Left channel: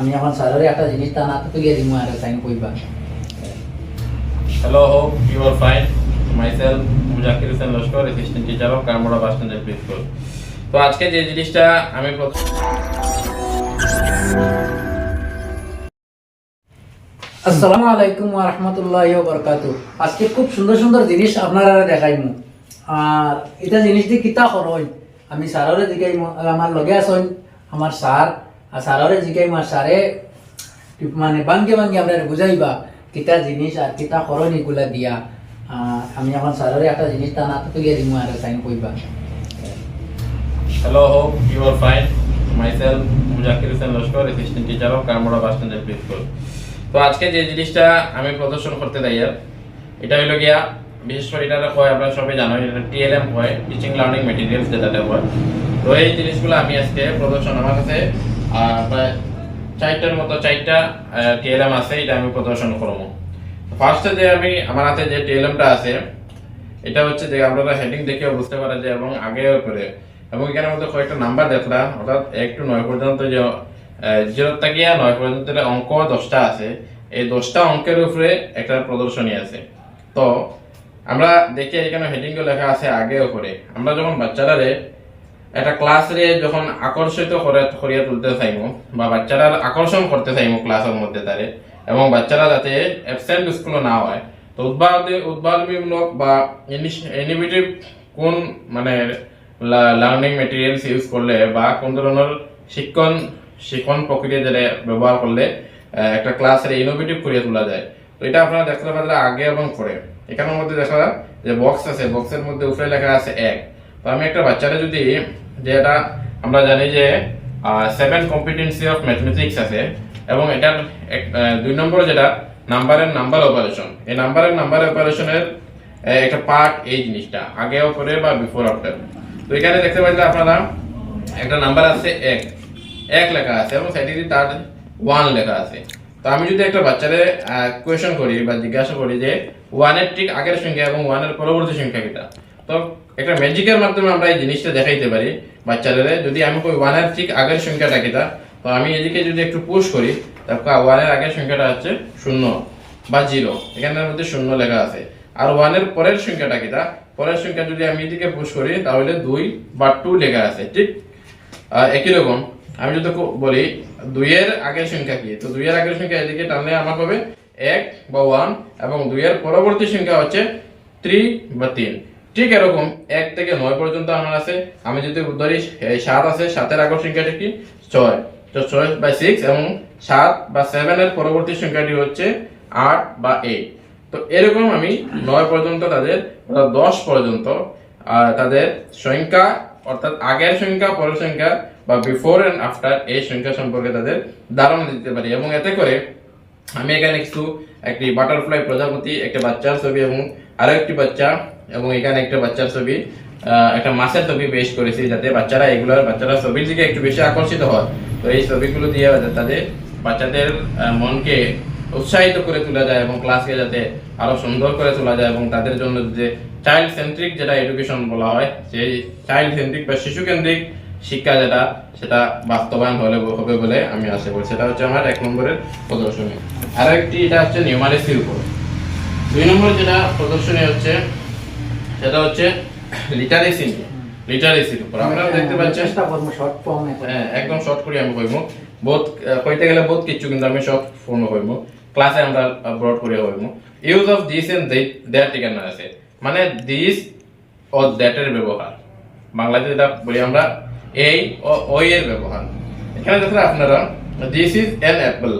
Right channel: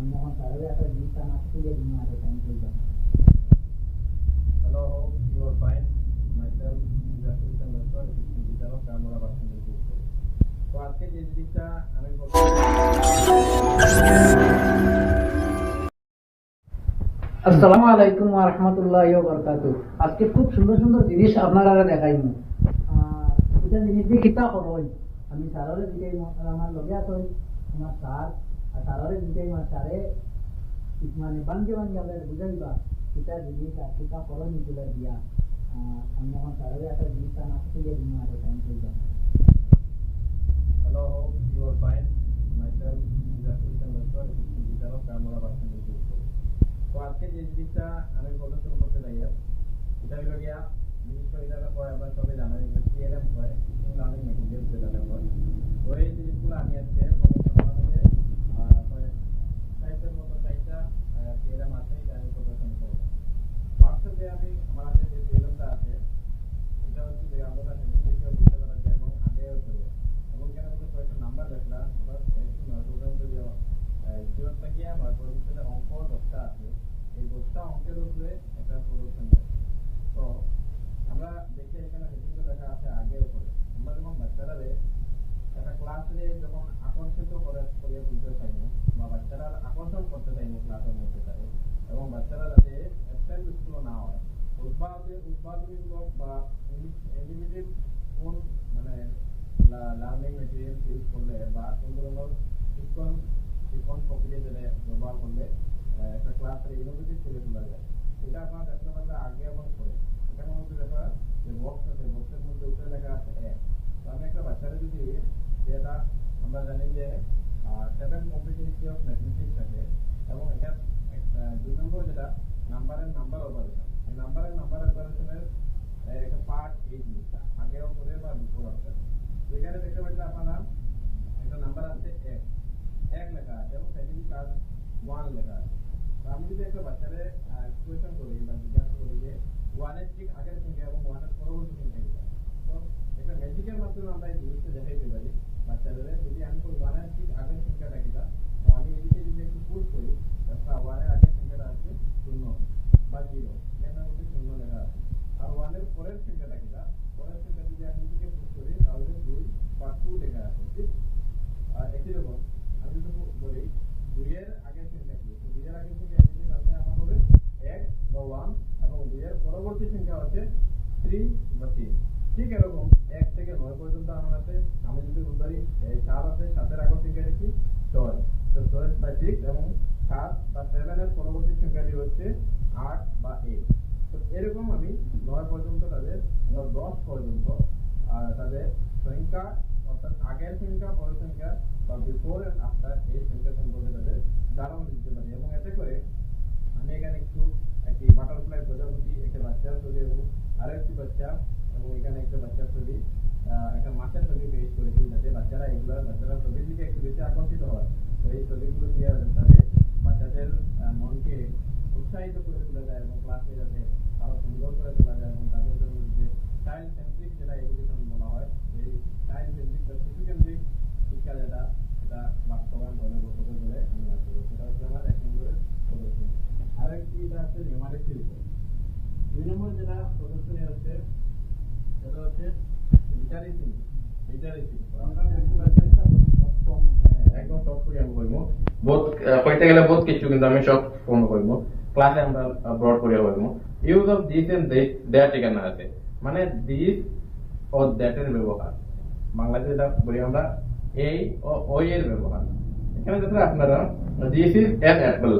আমি এখন স্যারের একটা জিনিস তা না তো গিয়ে দিমু আর সাইন কইবা Hello, hope you are fine. Myself, Muzakir Hossain Laskar assistant teacher of Kamra bus stand LP school তো আজকে যে জিনিসটা আমি প্রথম আসসালামু আলাইকুম ওয়া রাহমাতুল্লাহি ওয়া বারাকাতুহু। আজকে খুব সুন্দর সুন্দর জিনিস আপনারা দেখাইমু। আর এটা জিনিস দিয়ে কিতা করই আমি স্যাররে জিগাইমু আর আমার লগে আছেন আমার স্যার আর আর স্যারে মানে বাঙ্গে বাঙ্গে আপনারা বুঝাইবা, কিতা জিনিস আর কিতা করণ এগুলা দিয়া আমি আমার স্যাররে একটা জিনিস তা না তো দিমু আর সাইন কইবা। Hello hope you are fine myself Muzakir Hossain Laskar assistant teacher of Kamra bus stand LP school তো আজকে যে জিনিসটা আমি প্রদর্শন করতে যাই আর এটা হলো গিয়া, বিশেষ করে এটা হয়, আপনারা সবাই জানো, এটা টিএলএম হয় টিচিং লার্নিং মেটেরিয়ালস যেটাতে হয়। তো এই জিনিসগুলো আমি আজকে প্রদর্শন আমার কাছে প্রায় চারটার মতো, চারটা টিএলএম আছে, এটা আমি প্রদর্শন করব। ফার্স্টে যে আমি, আমার হাতে যে টিএলএমটা আছে, এটা হচ্ছে যে আপনারা হেডিং দেখে বুঝতে পারা যায় এবং আগে করে। এবং এখানের মধ্যে কয়েকটা নাম্বার দেখলাম অর্থাৎ এক টু নয় পর্যন্ত যে জিরো থাকিয়া নয় পর্যন্ত অঙ্ক দশটা আছে, এই দশটা অঙ্কের উপরে একটা প্রদর্শনী আছে। তো আমরা দেখি এখানে হেডিং লেখা আছে আগে উপরে আমরা যখন বাচ্চারারে একটা ক্লাসে যখন আকর্ষিত করে করিয়া তুলতে চাইমু, বা বাচ্চারা আকর্ষণ করতে চাইমু ক্লাসের মধ্যে তারে, এবং বাচ্চারা যাতে অ্যাবসেন্ট স্কুলে না হয়, তো উদ্ভাবনী উদ্ভাবনীমূলক বা ইনোভেটিভ কোন মানে লার্নিং মেটেরিয়ালস ইউজ করলে বা কোন ধরনের শিক্ষণ শিক্ষণ প্রক্রিয়া যেটা ব্যবহার করলে একটা ক্লাসের ইনোভেটিভ করিয়া তোলা যায়। তো এটা আপনারা দেখতে পাচ্ছেন আগে এবং পরে। এখানের মধ্যে দেখা যে বক্স আছে। বক্সের মধ্যে উপরে লেখা আছে এক। তো আমি একটা বাচ্চারা যদি যেটা আমরা জানি যে সেভেন কম্পিটেন্সি অফ ম্যাথমেটিক্স আছে, এবং এটার দুই নম্বর যেটা, নাম্বারের নাম্বার অপারেশন এই নাম্বারের নাম্বার অপারেশনের একটা পার্ট এই জিনিসটা, আগে পরে বা বিফোর আফটার তো এখানে দেখতে পাচ্ছেন আপনারা একটা নাম্বার আছে এক। এক লেখা আছে, এবং সাইডে তার ওয়ান লেখা আছে। তো আমি যদি একটা বাচ্চারে কোয়েশন করি বা জিজ্ঞাসা করি যে ওয়ানের ঠিক আগের সংখ্যা এবং ওয়ানের পরবর্তী সংখ্যা কিটা? তো একটা ম্যাজিকের মাধ্যমে আমরা এই জিনিসটা দেখাইতে পারি বাচ্চাদের যদি আমি কই ওয়ানের ঠিক আগের সংখ্যাটা কিটা তো আমি এদিকে যদি একটু পুশ করি তারপর ওয়ানের আগের সংখ্যাটা হচ্ছে শূন্য বা জিরো এখানের মধ্যে শূন্য লেখা আছে। আর ওয়ানের পরের সংখ্যাটা কিটা পরের সংখ্যা যদি আমি এদিকে পুশ করি, তাহলে দুই বা টু লেখা আছে, ঠিক? একই রকম। আমি যদি বলি, দুইয়ের আগের সংখ্যা কি? তো দুইয়ের আগের সংখ্যা এদিকে টানলে আমার হবে এক বা ওয়ান এবং দুইয়ের পরবর্তী সংখ্যা হচ্ছে থ্রি বা তিন। ঠিক এরকম, এক থেকে নয় পর্যন্ত আমার আছে। আমি যদি ধরি সাত আছে, সাতের আগের সংখ্যাটি কি? ছয়। তো ছয় বাই সিক্স এবং সাত বা সেভেনের পরবর্তী সংখ্যাটি হচ্ছে আট বা এইট তো এরকম আমি নয় পর্যন্ত তাদের, অর্থাৎ দশ পর্যন্ত তাদের সংখ্যা, অর্থাৎ আগের সংখ্যা, পরের সংখ্যা বা বিফোর এন্ড আফটার এই সংখ্যা সম্পর্কে তাদের ধারণা দিতে পারি। এবং এতে করে আমি এখানে কিছু একটি বাটারফ্লাই প্রজাপতি, একটা বাচ্চার ছবি এবং আরও একটি বাচ্চা এবং এখানে একটা বাচ্চার ছবি একটা মাছের ছবি পেশ করেছি যাতে বাচ্চারা এগুলোর, বাচ্চারা ছবির দিকে একটু বেশি আকর্ষিত হয়। তো এই ছবিগুলো দিয়ে তাদের বাচ্চাদের মনকে উৎসাহিত করে তোলা যায় এবং ক্লাসকে যাতে আরও সুন্দর করে তোলা যায় এবং তাদের জন্য যে চাইল্ড সেন্ট্রিক যেটা এডুকেশন বলা হয়, সেই চাইল্ড সেন্ট্রিক বা শিশু কেন্দ্রিক শিক্ষা যেটা, সেটা বাস্তবায়ন হলে, হবে বলে আমি আশা করি। সেটা হচ্ছে আমার এক নম্বরের প্রদর্শনী। আর একটি এটা হচ্ছে নিউমারেসির উপর। দুই নম্বর যেটা প্রদর্শনী হচ্ছে সেটা হচ্ছে লিটারেসি লিটারেসির উপর। আপনারা দেখতে পাচ্ছেন চেষ্টা করব শর্ট ফর্ম হ্যাঁ একদম শর্ট করে আমি কইমু বহুত কইতে গেলে বহুত কিছু কিন্তু আমি শর্ট ফোন কইমু ক্লাসে আমরা ব্রড করে কইমু use of this and that ঠিকানা আছে। মানে দিস ও দ্যাট এর ব্যবহার। বাংলাতে যেটা বলি আমরা এই ও ওই এর ব্যবহার। এখানে দেখেন আপনারা দিস ইজ অ্যান অ্যাপল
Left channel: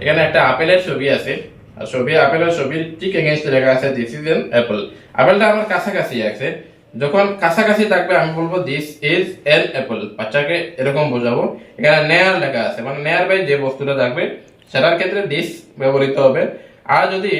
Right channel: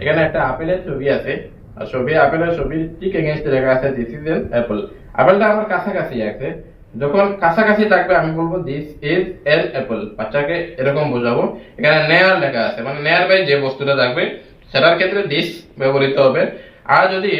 এখানে একটা আপেলের ছবি আছে। আর ছবি আপেলের ছবির ঠিক এগেনস্টে লেখা আছে দিস ইজ অ্যান অ্যাপল আপেলটা আমার কাছাকাছি আছে যখন কাছাকাছি থাকবে আমি বলব দিস ইজ এন অ্যাপেল বাচ্চাকে এরকম বোঝাবো এখানে নেয়ার লেখা আছে মানে নেয়ার বাই যে বস্তুটা থাকবে সেটার ক্ষেত্রে দিস ব্যবহৃত হবে আর যদি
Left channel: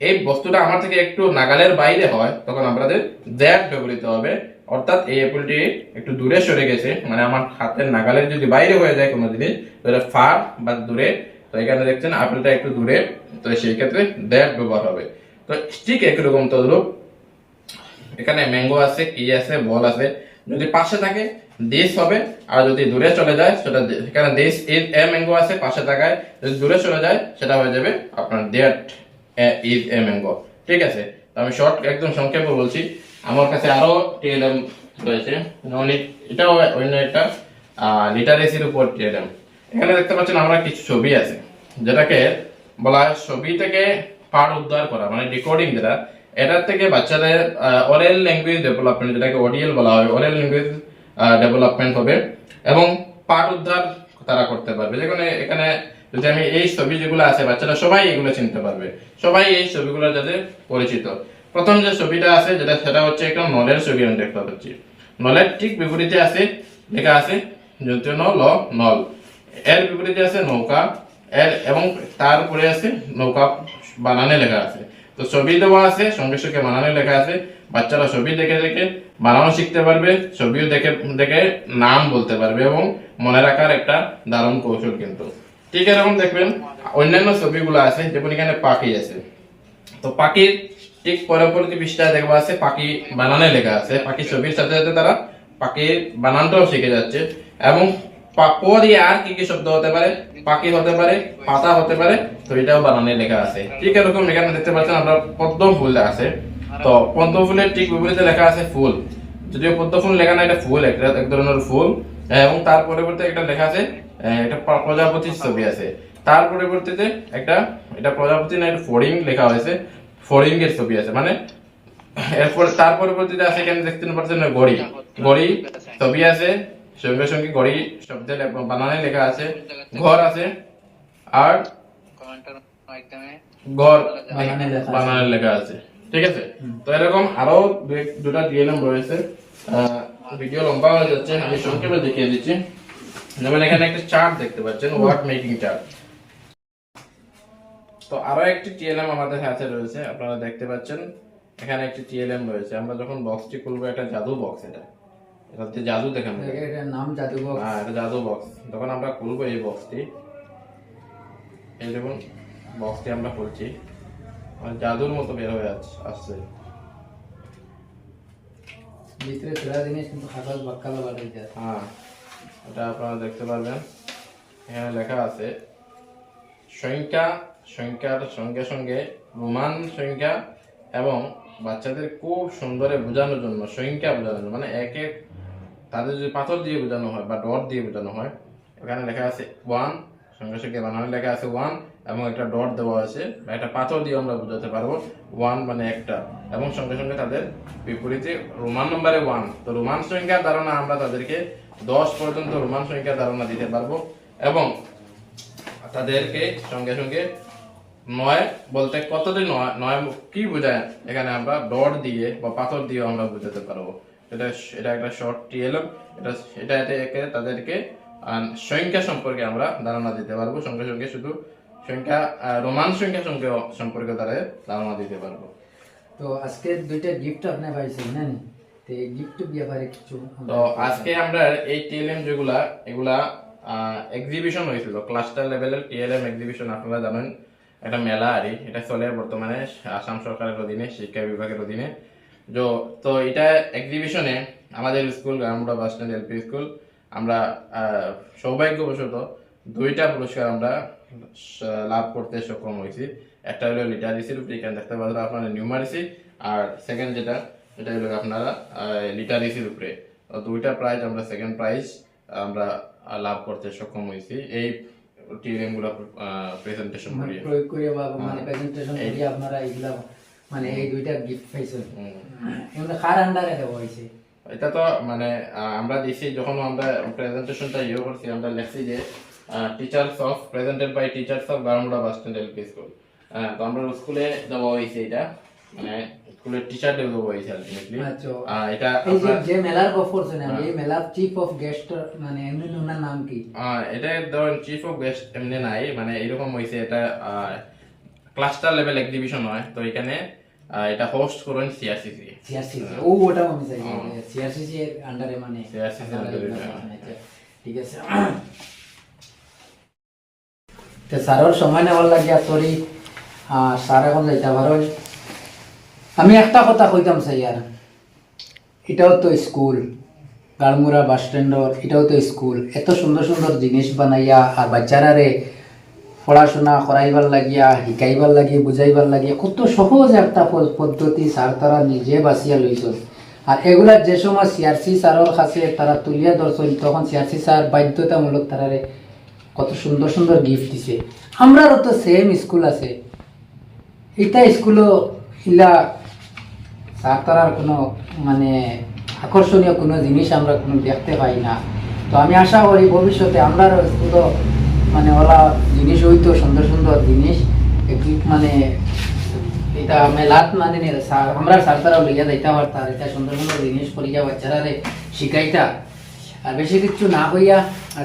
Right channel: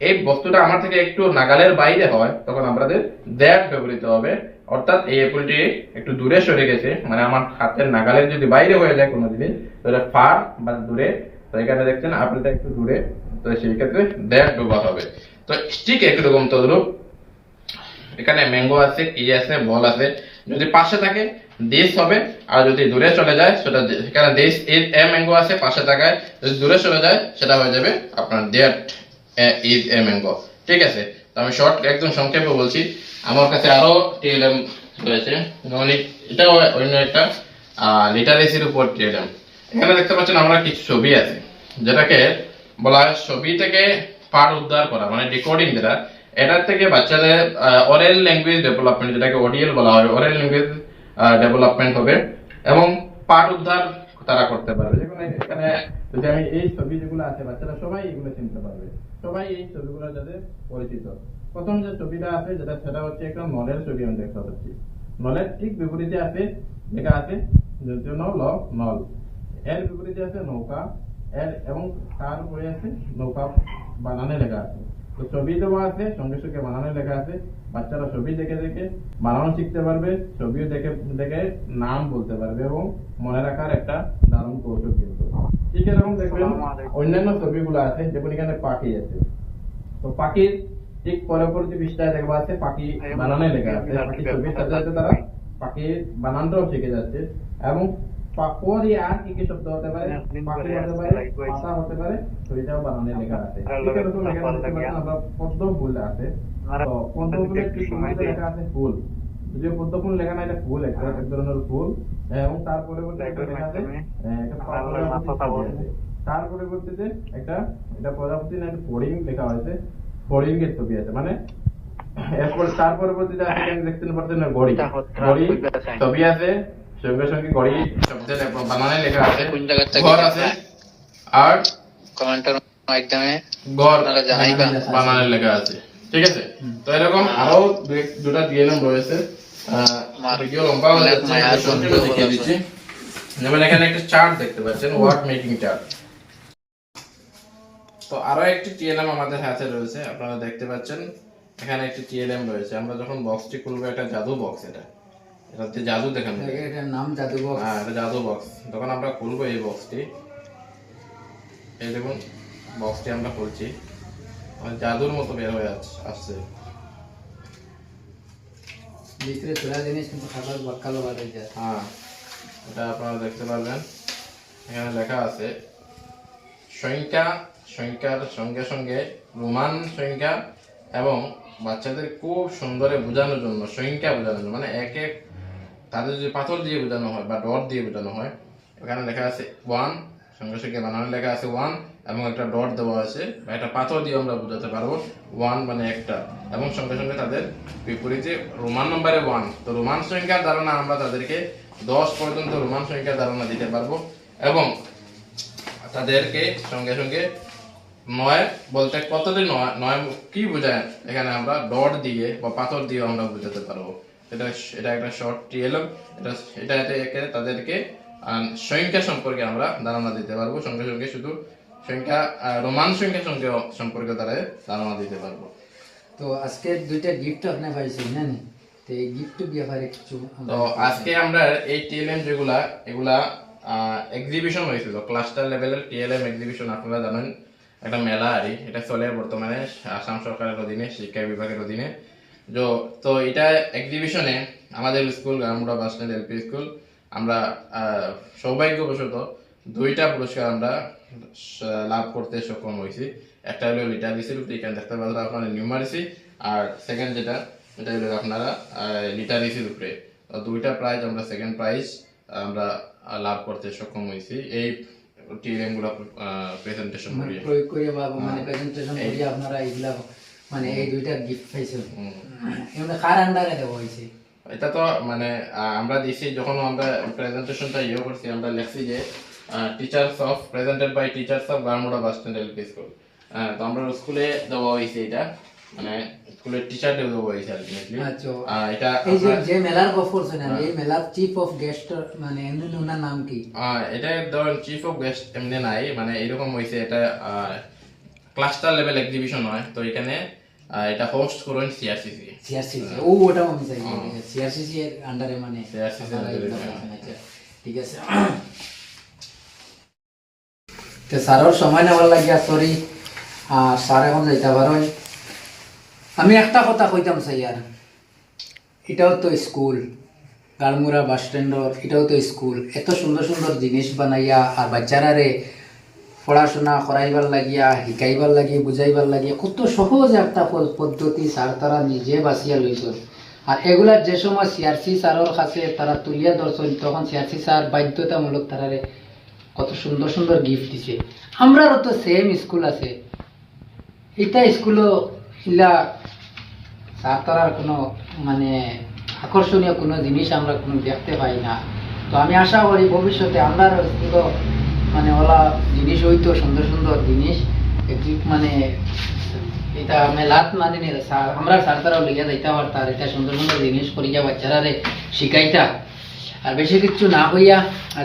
এই বস্তুটা আমার থেকে একটু নাগালের বাইরে হয় তখন আমাদের দ্যাট ব্যবহৃত হবে অর্থাৎ এই অ্যাপেলটি একটু দূরে সরে গেছে মানে আমার হাতের নাগালের যদি বাইরে হয়ে যায় কোনো জিনিস তাহলে ফার বা দূরে তো এখানে দেখছেন আপেলটা একটু দূরে, তো সেই ক্ষেত্রে দ্যাট ব্যবহার হবে। তো ঠিক একরকম তদ্রুপ, এখানে ম্যাঙ্গো আছে কি আছে, বল আছে। যদি পাশে থাকে দিস হবে, আর যদি দূরে চলে যায়, সেটা দে- সেখানে দিস ইজ এ ম্যাঙ্গো আছে, পাশে থাকায়। যদি দূরে চলে যায়, সেটা হয়ে যাবে আপনার দ্যাট ইজ এ ম্যাঙ্গো ঠিক আছে? তো আমি শর্ট একদম সংক্ষেপে বলছি। আমার কাছে আরও টিএলএম রয়েছে। এটাও অন্য একটা লিটারেসির উপর টিএলএম এখানে দেখতে পাচ্ছেন আমরা কিছু ছবি আছে, যেটাকে বলা হয় ছবি থেকে পাঠ উদ্ধার করা মানে রেকর্ডিং যেটা। এটার থেকে বাচ্চাদের অরেল ল্যাঙ্গুয়েজ ডেভেলপমেন্ট যেটাকে ওডিএল বলা হয় অরেল ল্যাঙ্গুয়েজ ডেভেলপমেন্ট হবে এবং পাঠ উদ্ধার তারা করতে পারবে। যেখানে, এখানে যদি আমি এই ছবি যেগুলো আছে, বাচ্চারা সবাই এগুলো চিনতে পারবে। সবাই এই ছবিগুলোর যাতে পরিচিত। প্রথম যে ছবিটা আছে, যেটা, সেটা হচ্ছে একটা নলের ছবি আমি দেখতে পাচ্ছি। নলের ঠিক বিপরীতে আছে, লেখা আছে যদিও ন ল, নল। এর বিপরীতে আছে নৌকা, এর এবং তার উপরে আছে নৌকা বানানে লেখা আছে। তো ছবি দেওয়া আছে সঙ্গে সঙ্গে বানানে লেখা আছে। বাচ্চারা ছবি দেখে দেখে বানানো শিখতে পারবে, ছবিও দেখে দেখে নাম বলতে পারবে এবং মনে রাখার একটা দারুণ কৌশল কিন্তু। ঠিক এরকম দেখবেন, অন্যান্য ছবিগুলো আছে যেমন এখানে পাখি আছে। তো পাখির ঠিক পরবর্তী পৃষ্ঠায় দেখবা আছে, পাখি বানানে লেখা আছে। পাখি ছবির সাথে সাথে তারা পাখির বানানটাও শিখে যাচ্ছে। এবং এবং তার পরবর্তী একটা লেখা আছে প্রজাপতির ছবি আছে। তার পরবর্তীতে একটা, এটা প্রজাপতি না, এটা ফড়িং লেখা হয়েছে। ফড়িং এর ছবি আছে মানে এরপর তার পরবর্তীতে আছে দেখতে পাচ্ছেন গড়ি। গড়ি ছবি আছে। সঙ্গে সঙ্গে গড়ি শব্দে বানানে লেখা আছে। ঘর আছে। আর কমেন্টের মাধ্যমে ঘর বানানে লেখা আছে। ঠিক আছে? তো এরকম আরও দুটা ডিএলএম রয়েছে। ভিডিও লম্বা হয়ে যাচ্ছে। সংক্ষেপে দেখিয়ে দিচ্ছি। যেমন এখানে একটা চার্ট দেখতে পাচ্ছেন ওয়ার্ড মেকিং চার্ট তো আরও একটি টিএলএম আমাদের হাতে রয়েছে। আপনারা দেখতে পাচ্ছেন এখানে একটি টিএলএম রয়েছে। আমরা যখন বক্সটি খুলবো একটা জাদু বক্স এটা। এটাতে জাদু দেখানো। এটার নাম জাদুঘর হ্যাঁ এটা জাদু বক্স যখন আমরা খুলবো এই বক্সটি এই দেখুন বক্সটি আমরা খুলছি। জাদুর মতো বের হয়ে আস- আসছে। ভিতরে ছোড়া জিনিস কিন্তু খাবার বাক্কালো বাড়াই যায়। হ্যাঁ এটা আপনারা দেখতে পারবেন। এখানে লেখা আছে সংখ্যা সংখ্যার সঙ্গে সঙ্গে রোমান সংখ্যা এবং বাচ্চাদের খুব সুন্দরে বোঝানোর জন্য সংখ্যা বোঝানোর জন্য মানে এক এক তাদের যদি পাথর দিয়ে বোঝানো হয় বা ডট দিয়ে বোঝানো হয় এখানে লেখা আছে ওয়ান সঙ্গে সঙ্গে বানানো লেখা আছে ওয়ান এবং একটা ডট দেওয়া আছে, বা একটা পাথর দিয়ে আমরা বোঝাতে পারব ওয়ান মানে একটা, এবং সঙ্গে সঙ্গে তাদের বিপরীতে রোমান নম্বরে ওয়ান তো রোমান সংখ্যার ধারণা আমরা তাদেরকে দশ পর্যন্ত রোমান সংখ্যার ধারণা দিতে পারব, এবং তাদেরকে সঙ্গে সঙ্গে নয় বলতে কতদিন নয় নয় কি বোঝায়, এখানে আমরা ডট দিয়ে বা পাথর দিয়ে আমরা বোঝাতে পারব। এটা এটা একটা শর্ট টিএলএম এটা এটা এতে তাদেরকে সংখ্যা সম্পর্কে আমরা ধারণা দিতে পারব। সঙ্গে সঙ্গে শুধু সংখ্যা রোমান সংখ্যা সঙ্গে সম্পর্কে তারা ধারণা দিতে পারব। তো আজকে দুইটা গিফট আপনি পাইছেন না নি? তো এই গিফট ব্যাপারে কিছু তো আজকে আমরা এই টিএলএম যেগুলা এগুলা এক্সিবিশন হয়েছিল ক্লাস্টার লেভেলের টিএলএম এক্সিবিশন আপনারা জানেন একটা মেলা আরই এটা চলে বর্তমানে আসাম সরকারের অধীনে শিক্ষা বিভাগের অধীনে। তো তো এটা এক্সিবিশনে আমাদের school Garmura bus stand LP school আমরা সৌভাগ্যবশত দুইটা পুরস্কার আমরা লাভ করতে সক্ষম হয়েছি। একটা হলো লিটারেসির উপরে এখানে দেখতে পাচ্ছেন আপনারা নিউমারেসি আর সেকেন্ড যেটা এটা হলো আপনারা লিটারেসির উপরে। তো দুইটা প্রাইজ আমরা সেকেন্ড প্রাইজ আমরা লাভ করতে সক্ষম হয়েছি। এই টিএলএমগুলো প্রেজেন্টেশন করিয়ে। প্রয়োগ করে বা মানে প্রেজেন্টেশন করি আপনারা এইগুলা মানে এই দুইটা গিফট পাইছেন হুম। কার আন্ডারে দেওয়া হয়েছে এটা তো মানে আমরা দিছি যখন আমরা প্রেজেন্টেশনটা ইয়ে করছি আমরা লিখছি যে teachers of presented by teachers of Garmura bus stand LP school তো আমরা স্কুলে দেওয়া হয়েছে এটা। মানে স্কুলের দেওয়া হয়েছে আলটিমেটলি এটা এই যে মেলার করছেন আমি, এই মেলার চিফ অফ গেস্ট মানে এমনি ওনার নাম কি? এটা ধরেন চিফ অফ গেস্ট এমনি নাই মানে এরকম হয়েছে এটা ক্লাস্টার লেভেল এক্সিবিশন হয়। তো এখানে এটা হোস্ট করেন সিআরসিসি সিআরসিসি ও ওটাও আমি চাই। সিআরসিসি এর আন্ডারে মানে CRCC এর হ্যাঁ। করছেন, আচ্ছা, ঠিক আছে। তো স্যারের সময় নেওয়ার লাগিয়া সরি স্যার এখন যাইতে পারেন আমি একটা কথা কইতাম চাই আর এটাও তো স্কুল গালমুরা বাস স্ট্যান্ডর এটাও তো স্কুল এত সুন্দর সুন্দর জিনিস বানাইয়া আর বাচ্চারারে পড়াশোনা করাইবার লাগিয়া, শিকাইবার লাগিয়ে বুঝাইবার লাগিয়ে কত সহজ একটা পদ্ধতি স্যার তারা নিজে বাঁচিয়া লইছেন আর এগুলা যে সময় সিআরসি স্যারের কাছে তারা তুলিয়া ধরছেন তখন সিআরসি স্যার বাধ্যতামূলক তারারে কত সুন্দর সুন্দর গিফট দিছে। আমরারও তো সেম স্কুল আছে। এটা স্কুলও ইলা স্যার তারার কোনো মানে আকর্ষণীয় কোনো জিনিস আমরা কোনো দেখতে পাই না। তো আমি আশা করি ভবিষ্যতে আমরা স্কুলও মানে ওলা জিনিস হইতো সুন্দর সুন্দর জিনিস। একটু মানে এটা মেলাত মানে আমরা সার তারাও লিখে যাইতে পারতাম এটা সুন্দর সুন্দর জিনিস করিয়া বাচ্চারা রে শিখাইতা। আর বেশি কিছু না হইয়া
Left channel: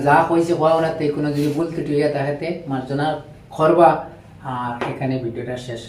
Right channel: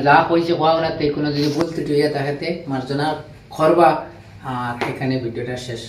যা কইছে কোয়া ওরা কোনো যদি ভুল ত্রুটি হইয়া তাহাতে মার্জনা করবা। আর এখানে ভিডিওটা শেষ।